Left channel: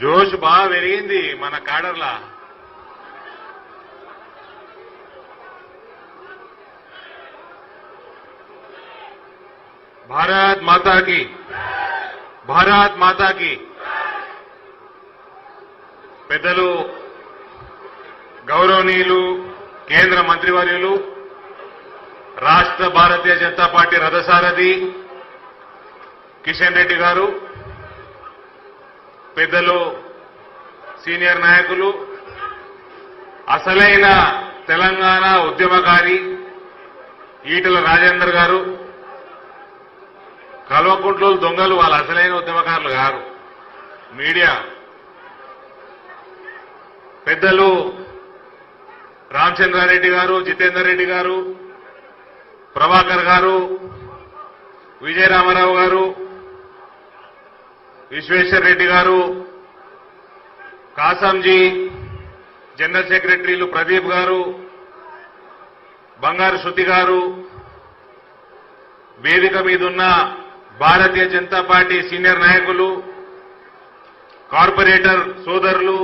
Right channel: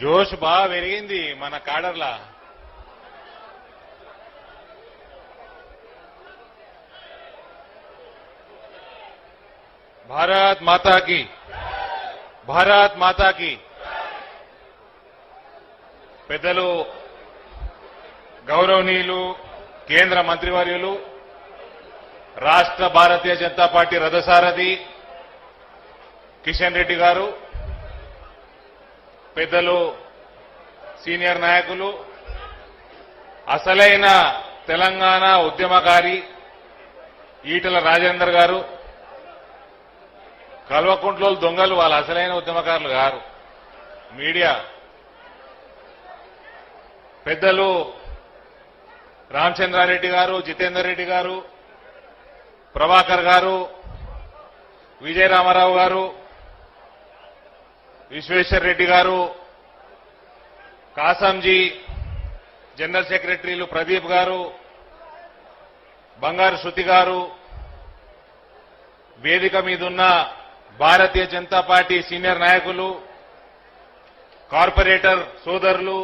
జోష్ బాగా పెరిగింది మన కాడర్లా. భారత్ మాతాకి. భారత్ మాతాకి. పెద్దలు గౌరవనీయులు కేంద్ర మంత్రివర్యులు రాష్ట్ర భారతీయ జనతా పార్టీ రథసారథి కిషన్ రెడ్డి గారు పెద్దలు సీనియర్ నాయకులు అసలైన తెలంగాణ ఉద్యమకారి ఈటల రాజేందర్ గారు కల్వకుంట్లో దొంగలు వాళ్ళ అసలైన ఉద్యమకారులు కాదు. మీడియా. పెద్దలు రామచంద్రారెడ్డి గారు జితేందర్ రెడ్డి గారు ప్రభాకర్ గారు విజయరామారావు గారు విశ్వేశ్వర్ రెడ్డి గారు కాసంజీ జనరల్ సెక్రటరీలు ప్రదీప్ గారు బంగారు శృతి గారు వేదిక మీదున్న భారతీయ జనతా పార్టీ సీనియర్ నాయకులు కార్పొరేటర్ సోదరులు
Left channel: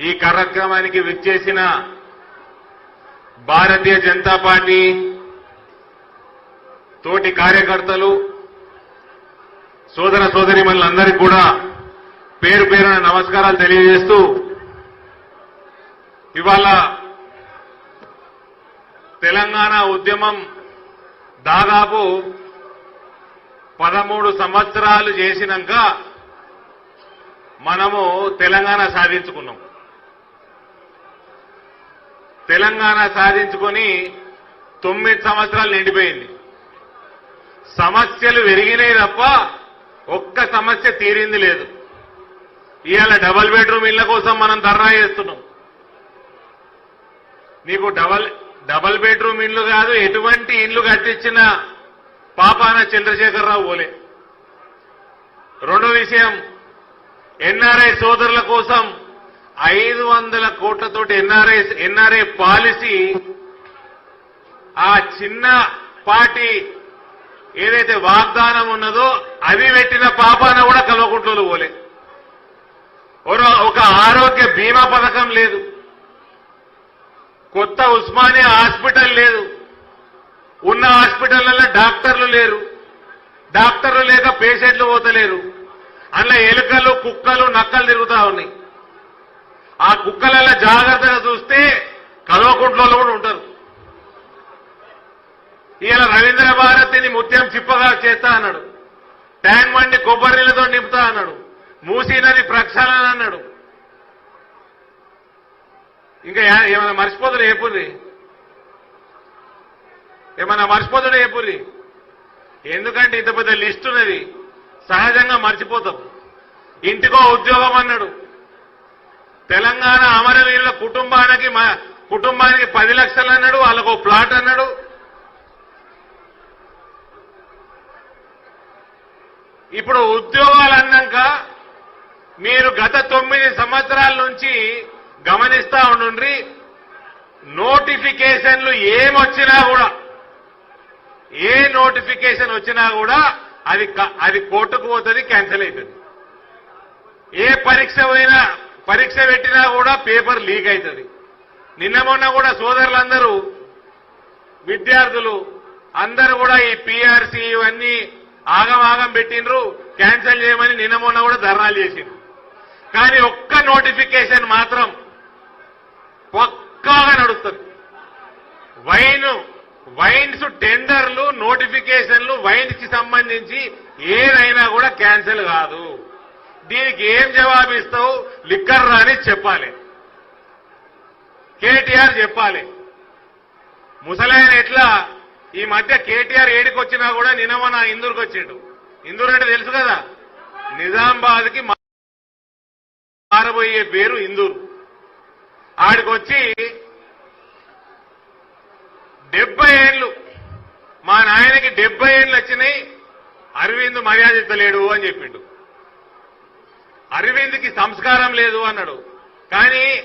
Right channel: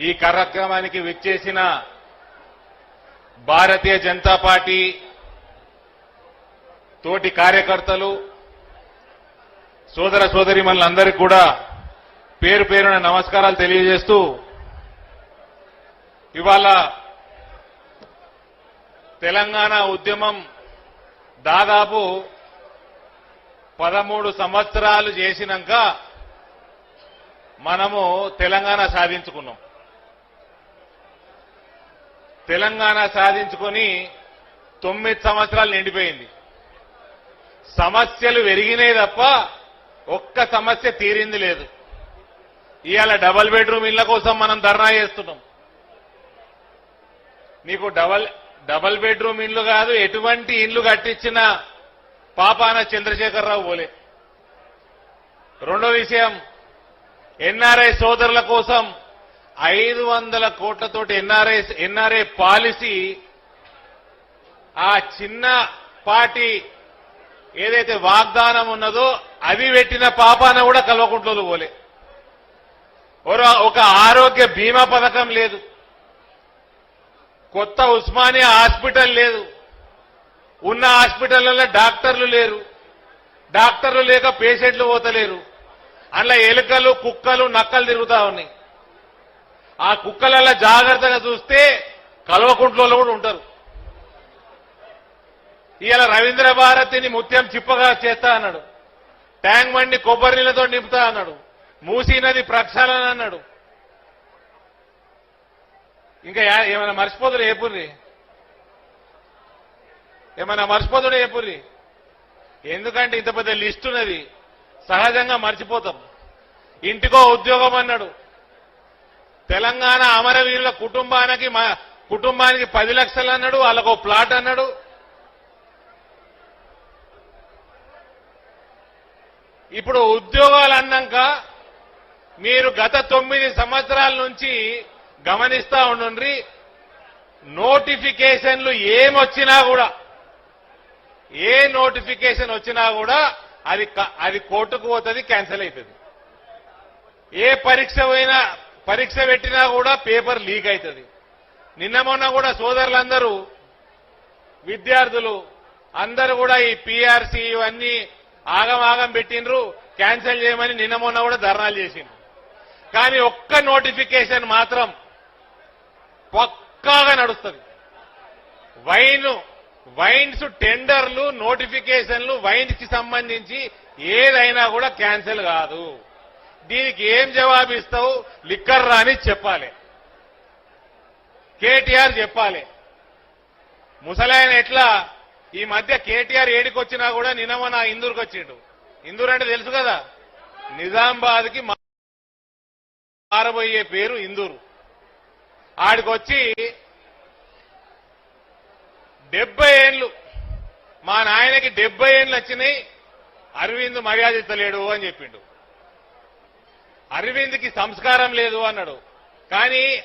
ఈ కార్యక్రమానికి విచ్చేసిన భారతీయ జనతా పార్టీ తోటి కార్యకర్తలు సోదర సోదరి మనందరికీ కూడా పేరు పేరున నమస్కారాలు తెలియజేస్తూ ఇవాళ తెలంగాణ ఉద్యమం దాదాపు పదమూడు సంవత్సరాలు చేసినాక మనము తెలంగాణ సాధించుకున్నాం. తెలంగాణ సాధించుకొని తొమ్మిది సంవత్సరాలు నిండిపోయింది. సమస్యలు పెరిగినాయి తప్ప ఒక్క సమస్య తీరింది లేదు. ఇవాళ డబల్ బెడ్రూమ్ ఇళ్ళ కోసం మనం ధర్నా చేస్తున్నాం. నీకు డబల్ డబల్ బెడ్రూమ్ ఇల్లు కాదు ఎటువంటి ఇల్లు కట్టించిన పాపాన చంద్రశేఖరరావు ఓలే రెండో విషయం ఎన్ఆర్ఐ సోదరుల కోసం ఐదు వందల కోట్లతోటి ఎన్ఆర్ఐ ఎన్ఆర్ఐ పాలసీ ఆ చిన్న పార్టీ ఏదైతే వాగ్దానం ఉన్నదో అది పెట్టిన పాపాన కూడా కల్వకుంట్లో పోలే. ఒక- ఆరోగ్య బీమా పథకం లేదు. కొత్త ఉస్మానియా హాస్పిటల్ లేదు. ఉన్న హాస్పిటల్లో డాక్టర్లు లేరు. డాక్టర్లు లేక పేషెంట్లు పోతలేరు. అలా ఎలుకలు కుక్కలు నక్కలు తిరుగుతా ఉన్నాయి. ఆ కుక్కలలో జాగ్రత్తగా చూస్తే కల్వకుంట్లో కూడా ఉంటారు. ఈయన రవీంద్ర భారతిని ముత్యం చిప్పగా చేస్తా అన్నాడు. ట్యాంక్ బండి కొబ్బరి నీళ్ళతో నింపుతా అన్నాడు. మూసీ నది ప్రక్షాళన అన్నాడు. ఇంకా ఏ- ఏమైనా మర్చిపోతున్నా ఏపుర్రి? ఏమైనా మర్చిపోతున్నా ఏపుర్రి? ఎందుకంటే ఇంత పెద్ద లిస్ట్ ఉన్నది. సహజంగా మర్చిపోతాం. ఇంటికో ఉద్యోగం అన్నాడు. తెలంగాణ అమరవీరుల కుటుంబానికి కుటుంబానికి పది లక్షలు అన్నాడు. వాళ్ళకు ఒక ప్లాట్ అన్నాడు. ఇప్పుడు ఉద్యోగాలు అన్నాక మీరు గత తొమ్మిది సంవత్సరాల నుంచి గమనిస్తా ఉండండి నోటిఫికేషన్లు ఏమొచ్చినా కూడా ఏ నోటిఫికేషన్ వచ్చినా కూడా అది అది కోర్టుకు పోతుంది క్యాన్సిల్ అవుతుంది ఏ పరీక్ష అయినా పరీక్ష పెట్టినా కూడా పేపర్ లీక్ అవుతుంది నిన్న మొన్న కూడా సోదరులందరూ విద్యార్థులు అందరూ కూడా ఈ పీఆర్సీ ఇవన్నీ ఆగమాగం పెట్టిండ్రు క్యాన్సిల్ చేయమని నిన్న మొన్న కూడా ధర్నాలు చేసిండ్రు. కానీ ఒక్క నోటిఫికేషన్ మాత్రం పక్కాగా నడుస్తుంది. వైన్ వైన్స్ టెండర్లు నోటిఫికేషన్లు వైన్స్కి సంబంధించి ఏదైనా కూడా క్యాన్సిల్ కాదు. దీనికి ఏం జవాబిస్తావు? లిక్కర్ రాని చెప్పాలి. కేటీఆర్ చెప్పాలి. ముసలాయన ఎట్లా ఈ మధ్య కేటీఆర్ ఏడికి వచ్చినా కూడా నిన్న మన ఇందూరుకు వచ్చిండు. ఇందూరు అంటే తెలుసు కదా? నిజామాబాద్కి మారబోయే పేరు ఇందూరు. ఆడికొచ్చి డెబ్బై ఏళ్ళు మా నాయనకి డెబ్బై ఏళ్ళు వచ్చినాయి అరవింద్ మర్యాద ఇస్తలేడు అని చెప్పిండు. అరవింద్కి సంస్కారం లేదు అన్నాడు. కానీ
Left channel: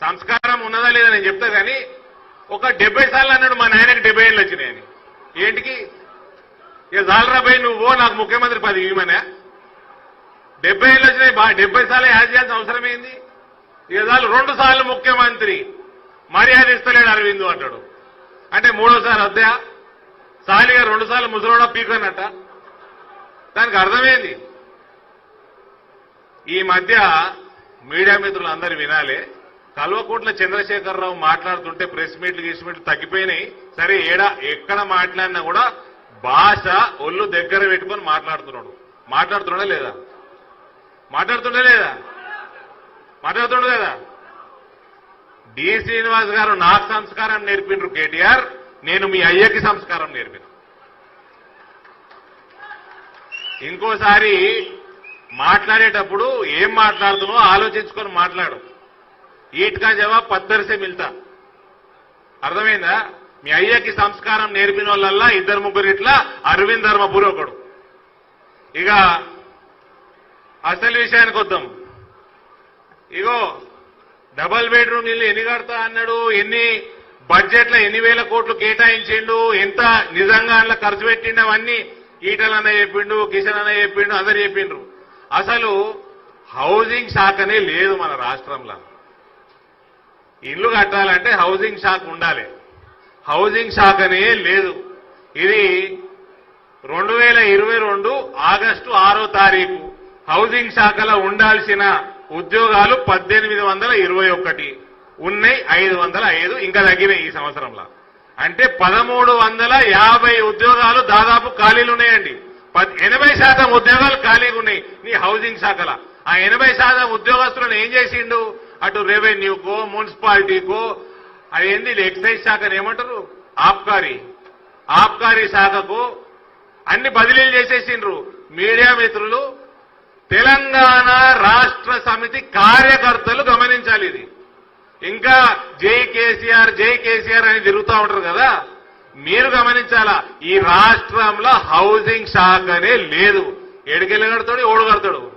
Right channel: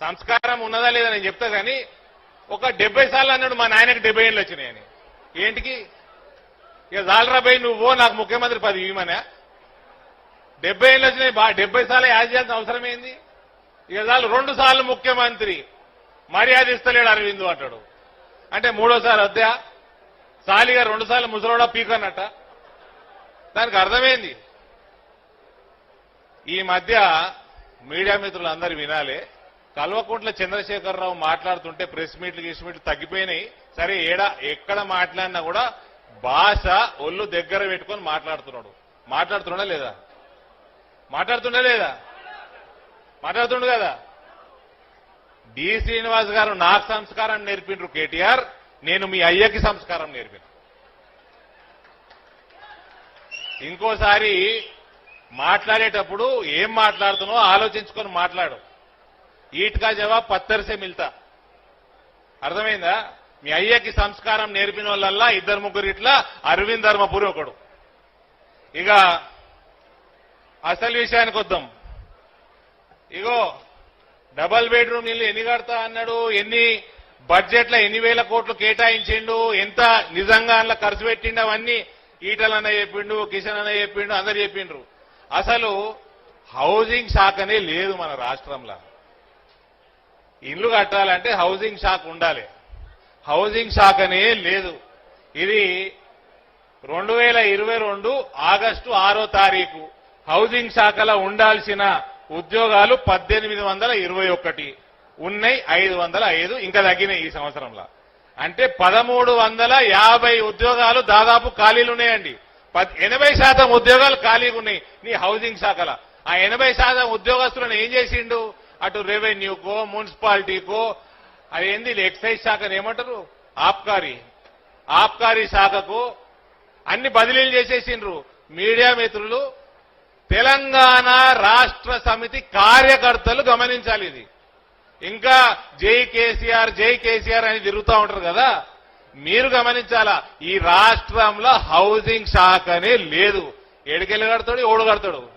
సంస్కారం ఉన్నదా లేదా నేను చెప్తా కానీ ఒక డెబ్బై సార్లు అన్నాడు మా నాయనకి డెబ్బై ఏళ్ళు వచ్చినాయని. ఏంటికి? ఇక జాలరాబాయి నువ్వు నాకు ముఖ్యమంత్రి పది ఇవ్వమనే? డెబ్బై ఏళ్ళు వచ్చినాయి బా- డెబ్బై సార్లు యాడ్ చేయాల్సిన అవసరమైంది ఏదాలు రెండు సార్లు ముఖ్యమంత్రి మర్యాద ఇస్తలేడు అరవిందు అంటాడు. అంటే మూడోసారి వద్దా? సాలిగా రెండు సార్లు ముసలోడా పీకన్నట్ట దానికి అర్థమైంది? ఈ మధ్య మీడియా మిత్రులు అందరూ వినాలి. కల్వకుంట్ల చంద్రశేఖరరావు మాట్లాడుతుంటే ప్రెస్ మీట్లు గీస్ మీట్లు తగ్గిపోయినాయి. సరే ఏడా ఎక్కడ మాట్లాడినా కూడా భాష ఒళ్ళు దగ్గర పెట్టుకొని మాట్లాడుతున్నాడు. మాట్లాడుతున్నా లేదా? మాట్లాడుతున్నా లేదా? మాట్లాడుతుడు కదా? డి. శ్రీనివాస్ గారు నాకు సంస్కారం నేర్పిండ్రు కేటీఆర్ నేను మీ అయ్యకి సంస్కారం నేర్పిన. ఇంకోసారి మాట్లాడేటప్పుడు ఏం మాట్లాడుతున్నావు ఆలోచించుకొని మాట్లాడు. ఈట్ కా జవాబ్ పద్దరిసే మిల్తా. అర్థమైందా? మీ అయ్యకి సంస్కారం నేర్పిన వాళ్ళల్లా ఇద్దరు ముగ్గురు ఇట్లా అరవింద్ ధర్మపురి ఒకడు ఇక అసలు విషయానికి వద్దాం. ఇగో డబల్ బెడ్రూమ్ ఇల్లు ఎన్ని కడతా అన్నాడు? ఎన్ని బడ్జెట్లో ఎన్ని వేల కోట్లు కేటాయించిండు? ఎంత నిజంగా అందులో ఖర్చు పెట్టిండు? అవన్నీ ఈటలు అన్న చెప్పిండు కిషన్ అన్న చెప్పిండు అందరు చెప్పిండ్రు. అసలు హౌసింగ్ శాఖనే లేదు మన రాష్ట్రంలో. ఇల్లు కట్టాలంటే హౌసింగ్ శాఖ ఉండాలి. హౌసింగ్ శాఖనే లేదు. ఇది రెండు వేల ఇరవై రెండు ఆగస్టు ఆరో తారీఖు హౌసింగ్ శాఖలో ఉండాల్సిన ఉద్యోగాలు పద్దెనిమిది వందల ఇరవై ఒకటి. ఉన్నాయి ఐదు వందల ఐదు ఇంకా తగ్గినాయి ఈ సంవత్సరంలో. అంటే పదమూడు వందల యాభై ఉద్యోగాలు దాదాపు ఖాళీలు ఉన్నాయండి. పద్- ఎనభై శాతం ఉద్యోగాలు ఖాళీగా ఉన్నాయి ఈ హౌసింగ్ శాఖలో. ఆ ఎనభై శాతం ఉద్యోగస్తులను ఏం చేసిండు? అటు రెవెన్యూకో మున్సిపాలిటీకో అనేది ఎక్సైజ్ శాఖను ఏమంటారు? ఆబ్కారీ. ఆబ్కారీ శాఖకు అన్ని బదిలీలు చేసేసిండ్రు. మీడియా మిత్రులు తెలంగాణ రాష్ట్ర సమితి కార్యకర్తలు గమనించాలి ఇది. ఇంకా జై కేసీఆర్ జై కేసీఆర్ అని తిరుగుతూ ఉంటారు కదా? మీరు గమనించాలా? ఈ రాష్ట్రంలో హౌసింగ్ శాఖ అనే లేదు. ఎడికెళ్ళి ఓడగడతాడు.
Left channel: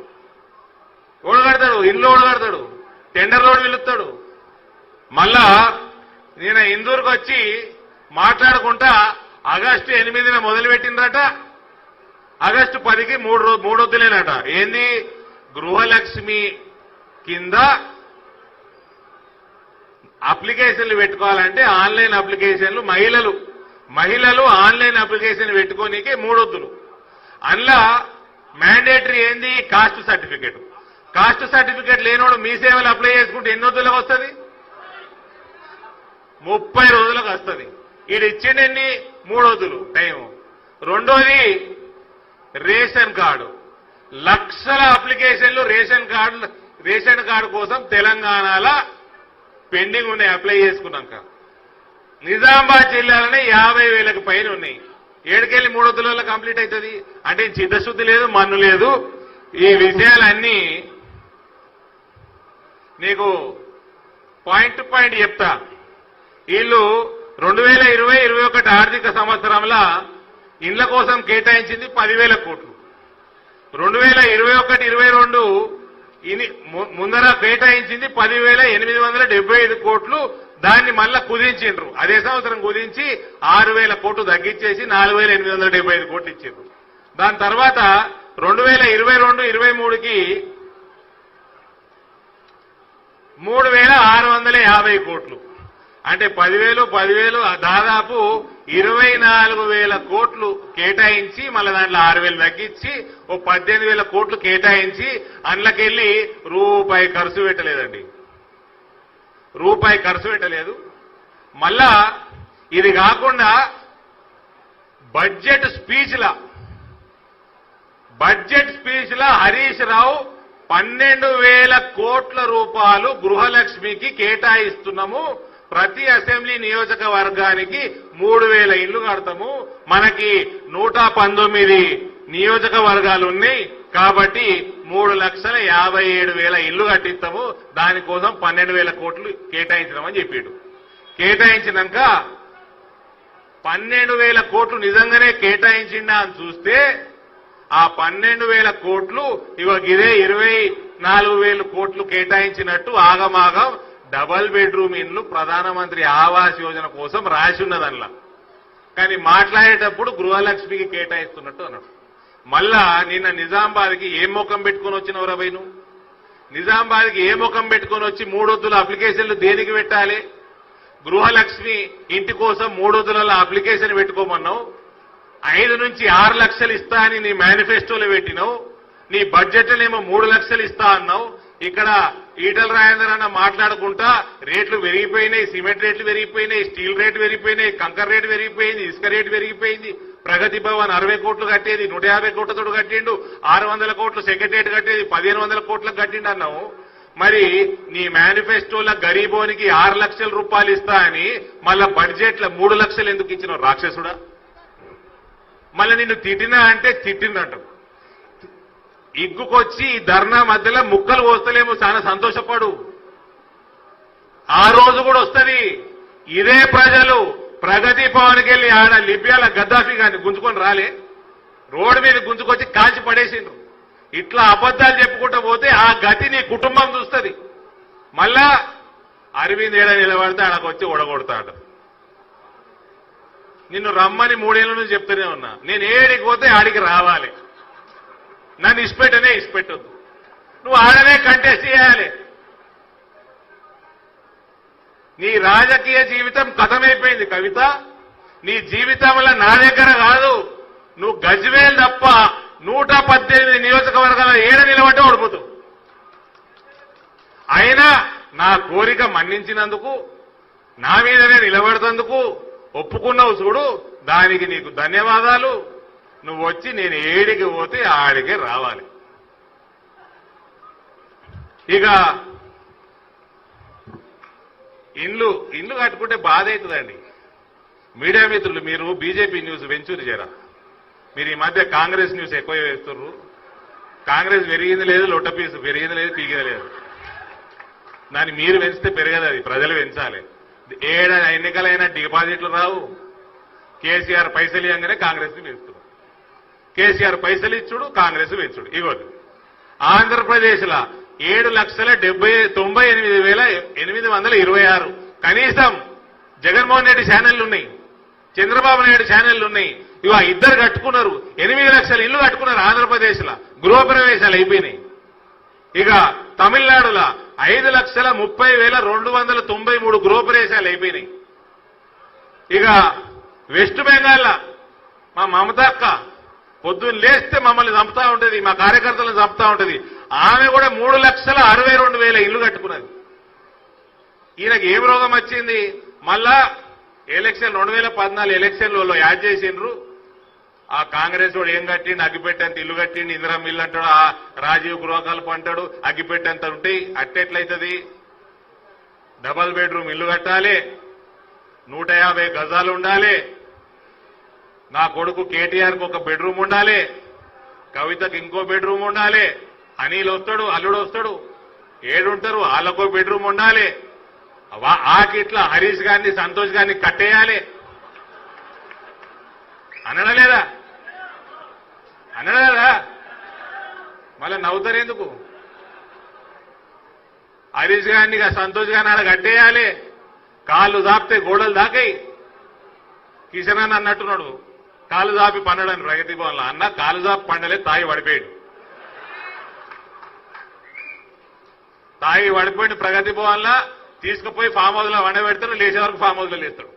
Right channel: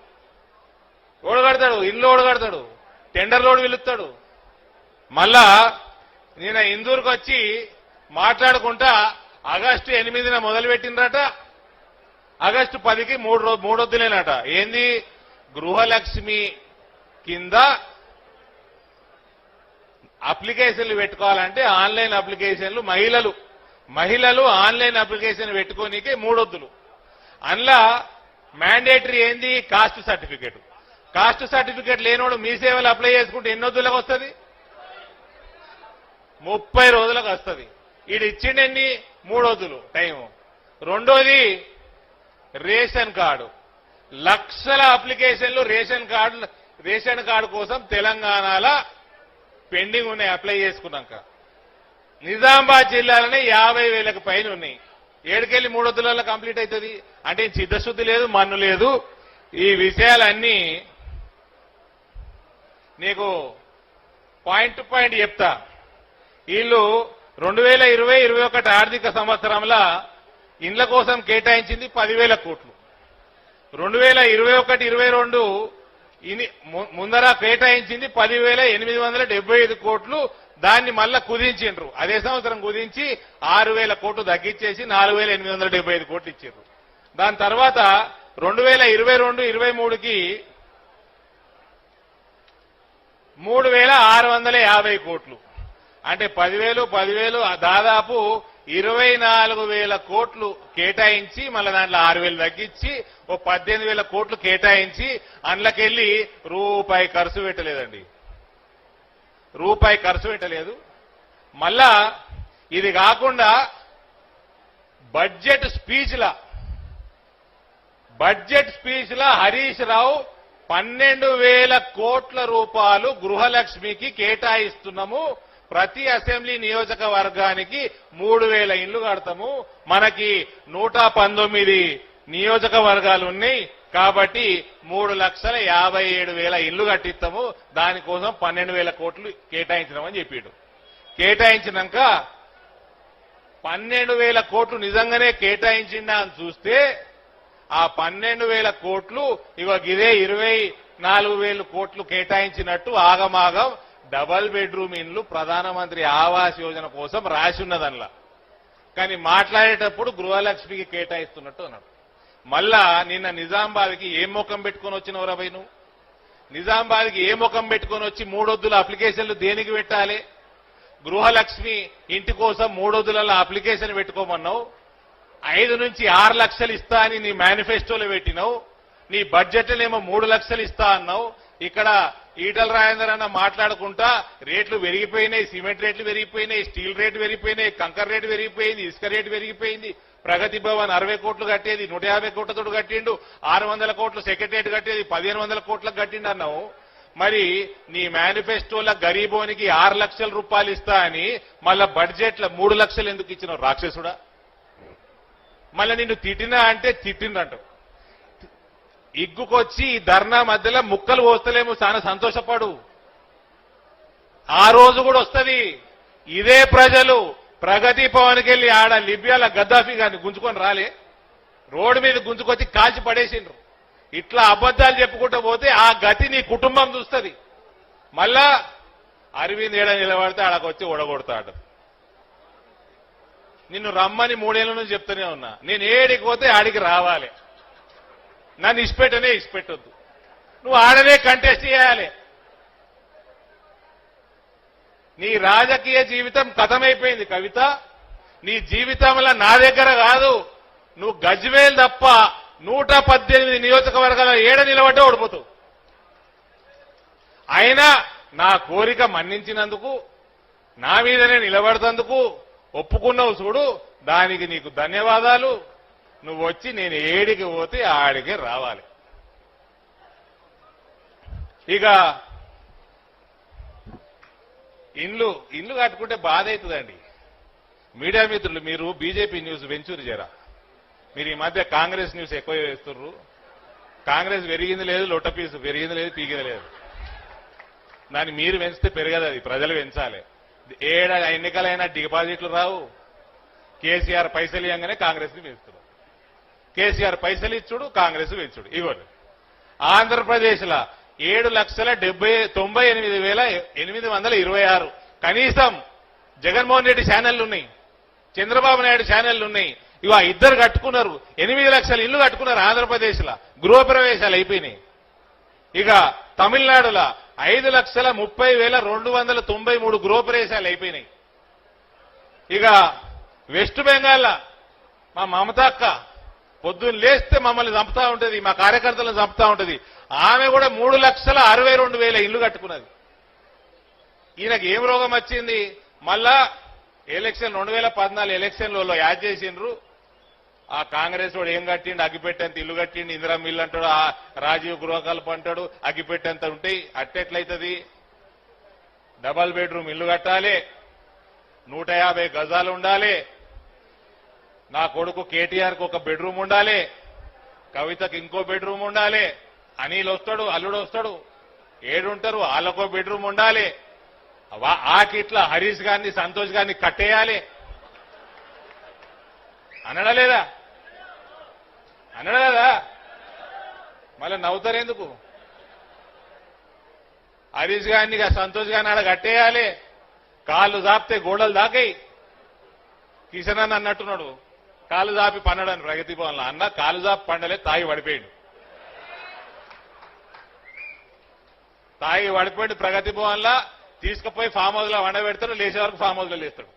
ఓడగడతాడు. ఇల్లు ఓడగడతాడు. టెండర్ టెండర్లోడు పిలుస్తాడు. మళ్ళా నేను ఇందూరుకు వచ్చి మాట్లాడుకుంటా ఆగస్టు ఎనిమిదిన మొదలుపెట్టిందట. ఆగస్టు పదికి మూడు రోజు మూడు వద్దులేనట ఏంది? గృహలక్ష్మి కింద అప్లికేషన్లు పెట్టుకోవాలంటే ఆన్లైన్ అప్లికేషన్లు మహిళలు మహిళలు ఆన్లైన్ అప్లికేషన్ పెట్టుకోనికే మూడొద్దులు అందులో మ్యాండేటరీ ఏంది? Cost certificate. కాస్ట్ సర్టిఫికేట్ లేనివాడు మీ సేవలు అప్లై చేసుకుంటే ఎన్ని రోజులకు వస్తుంది? ముప్పై రోజులకు వస్తుంది. ఇది ఇచ్చిండీ మూడు రోజులు. టైం రెండోది రేషన్ కార్డు. లక్షల అప్లికేషన్లు రేషన్ కార్డు రేషన్ కార్డు కోసం తెలంగాణలో పెండింగ్ ఉన్నాయి అప్లై చేసుకున్నాక. నిజామాబాద్ జిల్లాలోనే యాభై వేలకు పైన ఉన్నాయి. ఏడుకెళ్ళి మూడు వందల కంప్లీట్ అవుతుంది. అంటే చిత్తశుద్ధి లేదు మన్ను లేదు. ఈ విషయాలన్నీ నీకు పాయింట్ టు పాయింట్ చెప్తా. వీళ్ళు రెండు వేల ఇరవై ఇరవై ఒకటి ఆర్థిక సంవత్సరంలో ఇండ్ల కోసం కేటాయించింది పదివేల కోట్లు. రెండు వేల ఇరవై ఒకటి ఇరవై రెండు ముందర కేటాయించింది పదివేల ఎనిమిది వందల డెబ్బై ఐదు కోట్లు. దాన్ని మళ్ళా కుదించిండ్రు. అదే సంవత్సరం కుదించి ఆరు వేల కోట్లు తగ్గించేసి నాలుగు వేల ఎనిమిది వందల డెబ్బై ఐదు కోట్లు ఇచ్చిండ్రు. దాని తర్వాత రెండు వేల ఇరవై రెండు ఇరవై మూడుకి మూడు వేల ఆరు వందల యాభై కోట్లు. అంటే పదివేలు పదివేలు దాదాపు ఇరవై నాలుగు వేల కోట్లు కేటాయించి మళ్ళీ దాంట్లో ఆరు వేలు తగ్గించి ఓ పద్దెనిమిది వేల కోట్లు కేటాయించి అందులోకెళ్ళి రూపాయి ఖర్చు పెట్టలేదండి. రూపాయి ఖర్చు పెట్టలేదు. మళ్ళా ఇది కాకుండా బడ్జెట్ స్పీచ్ల బడ్జెట్ స్పీచ్ల హరీష్ రావు పన్నెండు వేల కోట్ల రూపాయలు గృహలక్ష్మికి కేటాయిస్తున్నాము. ప్రతి అసెంబ్లీ నియోజకవర్గానికి మూడు వేల ఇళ్ళు కడతాము. మనకి నూట పంతొమ్మిది నియోజకవర్గాలు ఉన్నాయి. కాబట్టి మూడు లక్షల యాభై ఏడు వేల ఇళ్ళు కట్టిస్తాము. దానికోసం పన్నెండు వేల కోట్లు కేటాయించడమని చెప్పాడు కేటాయించినాక పన్నెండు వేల కోట్లు నిజంగానే కేటాయించిందా అని చూస్తే ఆ పన్నెండు వేల కోట్లు ఇవ ఇదే ఇరవై నాలుగు వేల కోట్లు కేటాయించినట్టు ఆగమాగం డబల్ బెడ్రూమ్ ఇల్లు ప్రధానమంత్రి ఆవాస్ యోజన కోసం రాసి ఉన్నదల్లా కానీ మాట్లాడేటప్పుడు గృహలక్ష్మికి కేటాయిస్తున్నట్టు అన్నాడు. మళ్ళా నిన్న నిజామాబాద్కి ఏ ముఖం పెట్టుకొని వచ్చినవు రవై నువ్వు నిజామాబాద్కి ఏ ముఖం పెట్టుకొని వచ్చి మూడొద్దుల అప్లికేషన్లు దేనికి పెట్టాలి? గృహలక్ష్మి ఇంటి కోసం మూడొద్దుల అప్లికేషన్ పెట్టుకోమన్నావు? ఐదు నుంచి ఆరు లక్షలు ఇస్తా అని నీ మేనిఫెస్టోలో పెట్టినావు. నీ బడ్జెట్ ఏమో మూడు లక్షలు ఇస్తా అన్నావు. ఇక్కడ ఈటల రాజేందర్ అన్న మాట్లాడుకుంటా రేట్లు పెరిగిపోయినాయి సిమెంట్ రేట్లు పెరిగిపోయినాయి స్టీల్ రేట్ పెరిగిపోయినాయి కంకర్ రేటు పెరిగిపోయింది ఇసుక రేట్ పెరిగిపోయింది. ప్రగతి భవన్ అరవై కోట్లు కట్టేది నూట యాభై కోట్లతో కట్టిండు ఆరు వందల కోట్లు సెక్రటరియట్ కట్టేది పదిహేను వందల కోట్లకు కట్టిండు అన్నావు. మరి నీ మేనిఫెస్టోల గరీబోనికి ఆరు లక్షల రూపాయలు ఇస్తా అని మళ్ళా బడ్జెట్ల మూడు లక్షలు ఎందుకు ఇచ్చిన రాక్షసుడా? మళ్ళీ నిన్ను తిట్టినా అంటే తిట్టిందంట. ఇగ్గుకొచ్చి ఈ ధర్నా మధ్యలో ముక్కలు పోస్తలేము చాలా సంతోషపడు. ఆ రోజు కూడా వస్తుంది ఇదే ప్రజలు ప్రగతి భవన్కి వెళ్ళి ఆడ లిబియాల గద్దాఫీ గారిని గుంజుకొని రాలే. రోడ్డు మీద గుంజుకొచ్చి కాల్చి పడేసిండు. ఇట్లా అబద్దాలు చెప్పుకుంటూ పోతే ఆ గతి నీ కుటుంబం చూస్తుంది. మళ్ళా అరవింద్ ఏడ నిలబడితే ఆయనకు వచ్చి ఉడగొడతాడు నిన్ను రమ్మని మూడేళ్ళ నుంచి చెప్తూనే ఉన్నా. నేను ఏడికి పోతే ఆడికి రావాలి. నన్ను ఇష్టపెట్టనే ఇష్టపెట్టొద్దు నువ్వు ఆడనే కంటెస్ట్ చేయాలి. నీ రాజకీయ జీవితం కథమైపోయింది కవిత. నీ జీవితంలో నా దగ్గర కాదు. నువ్వు గజ్వేల్ తప్ప నూట పద్దెనిమిది నియోజకవర్గాల ఏడ నిలబడే ఉడుకుతూ అయినా నా కోరిక మన్నించినందుకు నా మీదనే నిలబడతందుకు ఒప్పుకున్నావు చూడు. దానికి నీకు ధన్యవాదాలు. నువ్వు వచ్చి నేను ఏడికి పోతే ఆడికే రావాలి. ఇక ఇల్లు ఇల్లు కట్టుకుంటే బాధ అవుతుందండి. మీడియా మిత్రులు మీరు బీజేపీ న్యూస్ వెంచూరి చేరా మీరు ఈ మధ్య కాంగ్రెస్ న్యూస్ ఎక్కువ వేస్తున్నారు కాంగ్రెస్ పెరిగింది లేదు లొట్టపీసు పెరిగింది లేదు పీగింది లేదు. దాన్ని మీరు పెంచితే పెరగదు అది ప్రజలు పెంచాలి. ఏడ ఎన్నికలైన డిపాజిట్లు రావు. కేసీఆర్ పైసలు ఇవ్వగానే కాంగ్రెస్ పెంచుతుంది కేసీఆర్ పైసలు ఇచ్చుడు కాంగ్రెస్ పెంచుడు ఇవ్వదు. ఆంధ్రప్రదేశ్లో ఏడు లక్షల డెబ్బై తొంభై ఎనిమిది వేల ఎనిమిది వందల ఇరవై ఆరు. కనీసం జగన్మోహన్ రెడ్డి ఛానళ్ళు ఉన్నాయి. చంద్రబాబు నాయుడు ఛానళ్ళు ఉన్నాయి. ఇవా ఇద్దరు కట్టుకున్నారు. ఎనిమిది లక్షల ఇల్లు కట్టుకున్నారు ఆంధ్రప్రదేశ్లో. గృహప్రవేశాలు అయిపోయినాయి. ఇక తమిళనాడులో ఐదు లక్షల ముప్పై వేల రెండు వందల తొంభై మూడు గృహప్రవేశాలు అయిపోయినాయి. ఇక వెస్ట్ బెంగాల్ మా మమతాక్క పొద్దున్న లేస్తే మమ్మల్ని చంపుతా ఉంటుంది మా కార్యకర్తలను చంపుతా ఉంటుంది. ఆమె కూడా మూడు లక్షల అరవై రెండు వేల ఇల్లు కట్టుకున్నది. ఈయనకి ఏం రోగం వచ్చింది? మళ్ళా ఎలక్షన్ రెండు వేల పద్నాలుగు ఎలక్షన్లలో యాడ్ చేసిండ్రు. ఆ కాంగ్రెస్ వాడు ఏం కట్టిండు? అగ్గిపెట్టేంత ఇల్లు కట్టిండు? ఇందిరా మిల్లు అంటాడు ఆ రాజీవ్ గృహకల్ప అంటాడు అగ్గిపెట్టేంత ఉంటాయి అట్టెట్లయితది డబల్ బెడ్రూమ్ ఇల్లు కట్టాలి నూట యాభై గజాలు ఉండాలి నా కొడుకు కేటీఆర్కు ఒక బెడ్రూమ్ ఉండాలి కవితకు ఇంకో బెడ్రూమ్ ఉండాలి అనిల్ వస్తాడు అల్లుడు వస్తాడు ఏడుంటారు వాళ్ళకో బెడ్రూమ్ ఉండాలి ఆకిట్లా ఆకిట్ల హరీష్ గారిని సంతోష్ గారిని కట్టేయాలి. అనడలేదా అనరారా మళ్ళీ నవ్వుతారెందుకు హరీష్ గారిని సంతోష్ గారిని ఆడ కట్టేయాలి. కాళ్ళు దాపితే గోడలు దాకాయి. కిషన్ అన్న అన్నట్టున్నాడు. కాలు దాపి పన్నడని ప్రగతి భవన్లో. అన్న కాలు దాపి పండలే తాగి పడిపోయాడు. తాగి పడిపోయిన ప్రగతి భవన్లో తీసుకుపోయి ఫామ్ హౌస్లో వండబెడతాడు లేచే వరకు ఫామ్ హౌస్లో లేస్తాడు.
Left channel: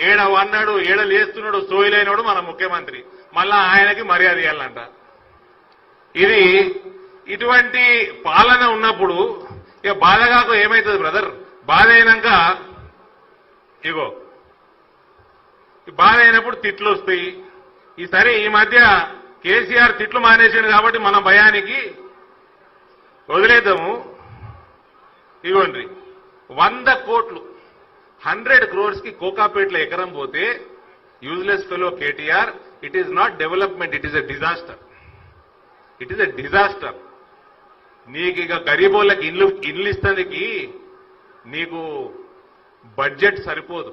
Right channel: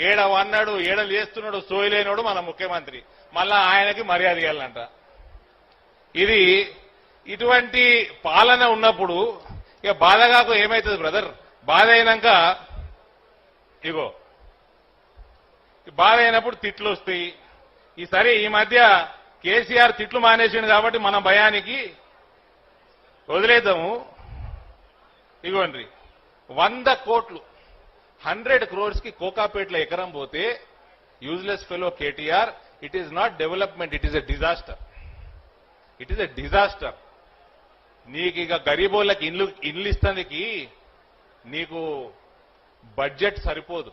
ఏడ వన్నాడు ఏడ లేస్తున్నాడు సోయిలైనడు మన ముఖ్యమంత్రి. మళ్ళా ఆయనకి మర్యాద ఇవ్వాలంట ఇది ఇటువంటి పాలన ఉన్నప్పుడు ఇక బాధ కాక ఏమవుతుంది బ్రదర్? బాధ అయినాక ఇగో బాధ అయినప్పుడు తిట్లు వస్తాయి. ఈసారి ఈ మధ్య కేసీఆర్ తిట్లు మానేసాడు కాబట్టి మన భయానికి వదిలేద్దాము. ఇగోండి వంద కోట్లు హండ్రెడ్ క్రోర్స్కి కోకాపేట్ల ఎకరం పోతే useless fellow KTR it is not development it is a disaster it is a disaster నీకు ఇక గరీబోళ్ళకి ఇల్లు ఇల్లు ఇస్తానికి నీకు బడ్జెట్ సరిపోదు.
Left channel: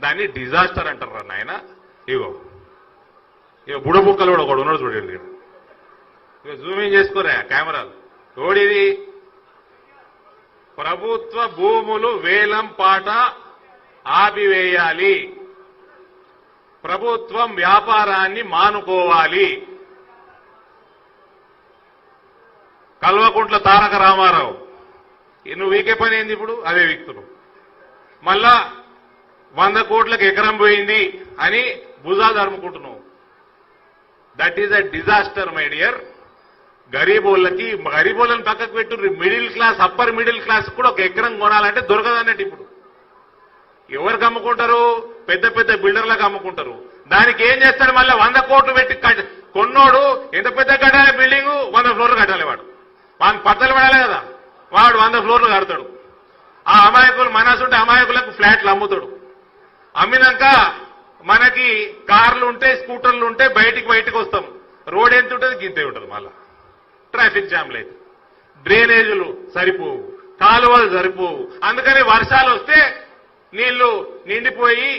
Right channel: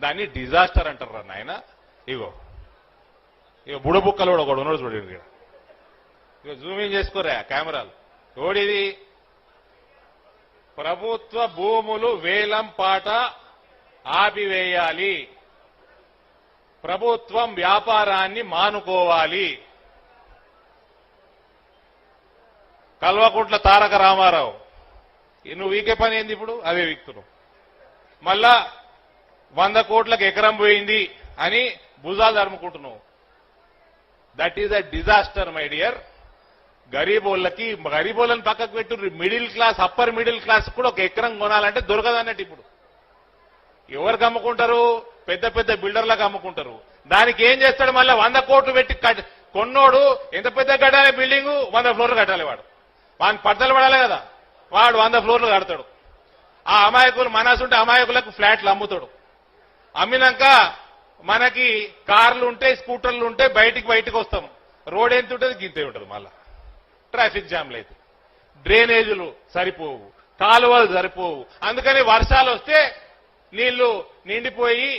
దాన్ని డిజాస్టర్ అంటారు నాయన. ఇగో. ఇక బుడముక్కలు కూడా ఒకడు ఉన్నాడు చూడండి ఇక జూమింగ్ చేసుకోరా కెమెరాలు. చూడేది ప్రభుత్వ భూములు వేలం పాట ఆపివేయాలి. ప్రభుత్వం వ్యాపారాన్ని మానుకోవాలి. కల్వకుంట్ల తారక రామారావు. ఈ నువ్వు వీకే పని ఏంది ఇప్పుడు? అదే వ్యక్తులు మళ్ళా వంద కోట్లకు ఎకరం పోయింది అని భుజా అరుముకుంటున్నావు that is a disaster my dear గరీబోళ్ళకి గరీబోళ్ళని పక్కకు పెట్టు middle class upper middle class కూడా ఒక ఎకరం కొనాలంటే దొరకదన్నట్టు ఇప్పుడు. ఎవరికి అమ్ముకుంటారు పెద్ద పెద్ద బిల్డర్లకు అమ్ముకుంటారు దానికి ఏం చేస్తాడు మళ్ళీ వంద కోట్లు పెట్టి కొన్నోడు ఎంత పెద్ద కట్టాలి బిల్డింగ్? వంద ఫ్లోర్లు కట్టాలి వాడు. వాడు పట్టలు పడాలి కదా. వాడు వంద ఫ్లోర్లు కడతాడు. ఆ అమాయకులు మనసుంటే అమాయకులకు ఫ్లాట్లు అమ్ముతాడు. అమ్మినాక మనకి కార్లు ఉంటాయి స్కూటర్లు ఉంటాయి బయటికి బయటకు వస్తాం. రోడ్ ఎంత ఉంటుంది? గింతే ఉంటుంది మళ్ళా. ట్రాఫిక్ జామ్ లేదు. డ్రైనేజీలు సరిపోవు. కాలువలు సరిపోవు. అందుకని వర్షాలు వస్తే నీళ్ళు నిండిపోయి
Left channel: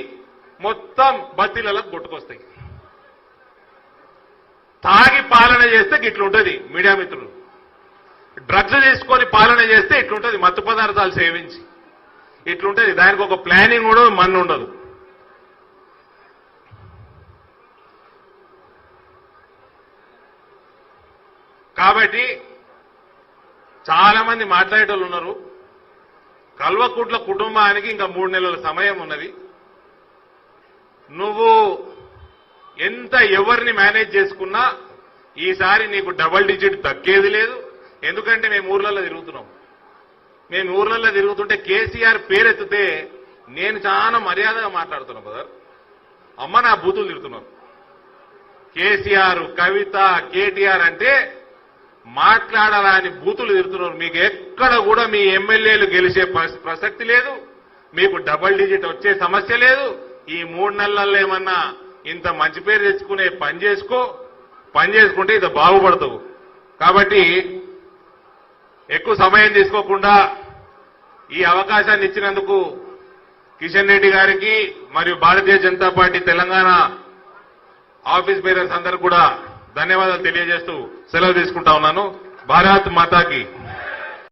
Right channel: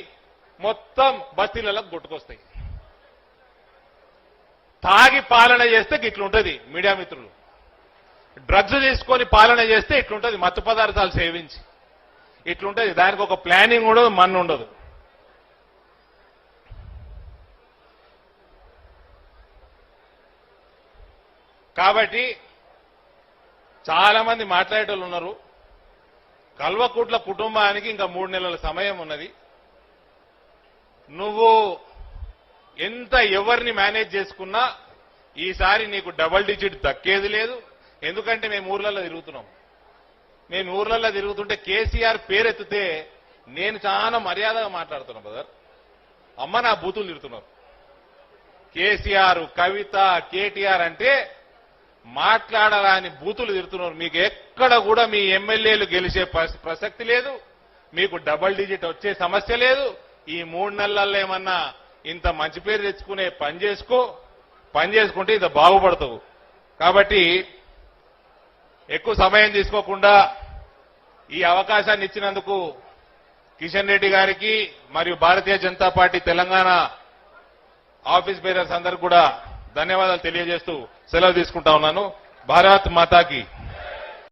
మొత్తం బద్దీలలో కొట్టుకొస్తాయి. తాగి పాలన చేస్తే ఇట్లుంటది మీడియా మిత్రులు. డ్రగ్స్ తీసుకొని పాలన చేస్తే ఇట్లుంటది మత్తు పదార్థాలు సేవించి. ఇట్లుంటది దానికి ఒక ప్లానింగ్ ఉండదు మన్ను ఉండదు. కాబట్టి చాలా మంది మాట్లాడేటోళ్ళు ఉన్నారు. కల్వకుట్ల కుటుంబానికి ఇంకా మూడు నెలల సమయం ఉన్నది. నువ్వు ఎంత ఎవరిని మేనేజ్ చేసుకున్నా ఈసారి నీకు డబల్ డిజిట్ తగ్గేది లేదు. ఎందుకంటే మేము ఊర్లలో తిరుగుతున్నాం. మేము ఊర్లలో తిరుగుతుంటే కేసీఆర్ పేరెత్తితే నేను చాలా మర్యాదగా మాట్లాడుతున్నా బ్రదర్ అమ్మ నా బూతులు తిరుగుతున్నాను కేసీఆర్ కవిత కేటీఆర్ అంటే మాట్లాడాలని బూతులు తిరుగుతున్నారు. మీకు ఎక్కడ కూడా మీ ఎమ్మెల్యేలు గెలిచే ప్రసక్తి లేదు. మీకు డబల్ డిజిట్ వచ్చే సమస్య లేదు. ఈ మూడు నెలల్లో ఏమన్నా ఇంత మంచి పేరు తెచ్చుకునే పని చేసుకో. పని చేసుకుంటే ఇది బాగుపడతావు. కాబట్టి ఎక్కువ సమయం తీసుకోకుండా ఈ అవకాశాన్ని ఇచ్చినందుకు కిషన్ రెడ్డి గారికి మరియు Bharatiya Janata party Telangana office parents అందరూ కూడా ధన్యవాదాలు తెలియజేస్తూ సెలవు తీసుకుంటా ఉన్నాను. భారత్ మాతాకి.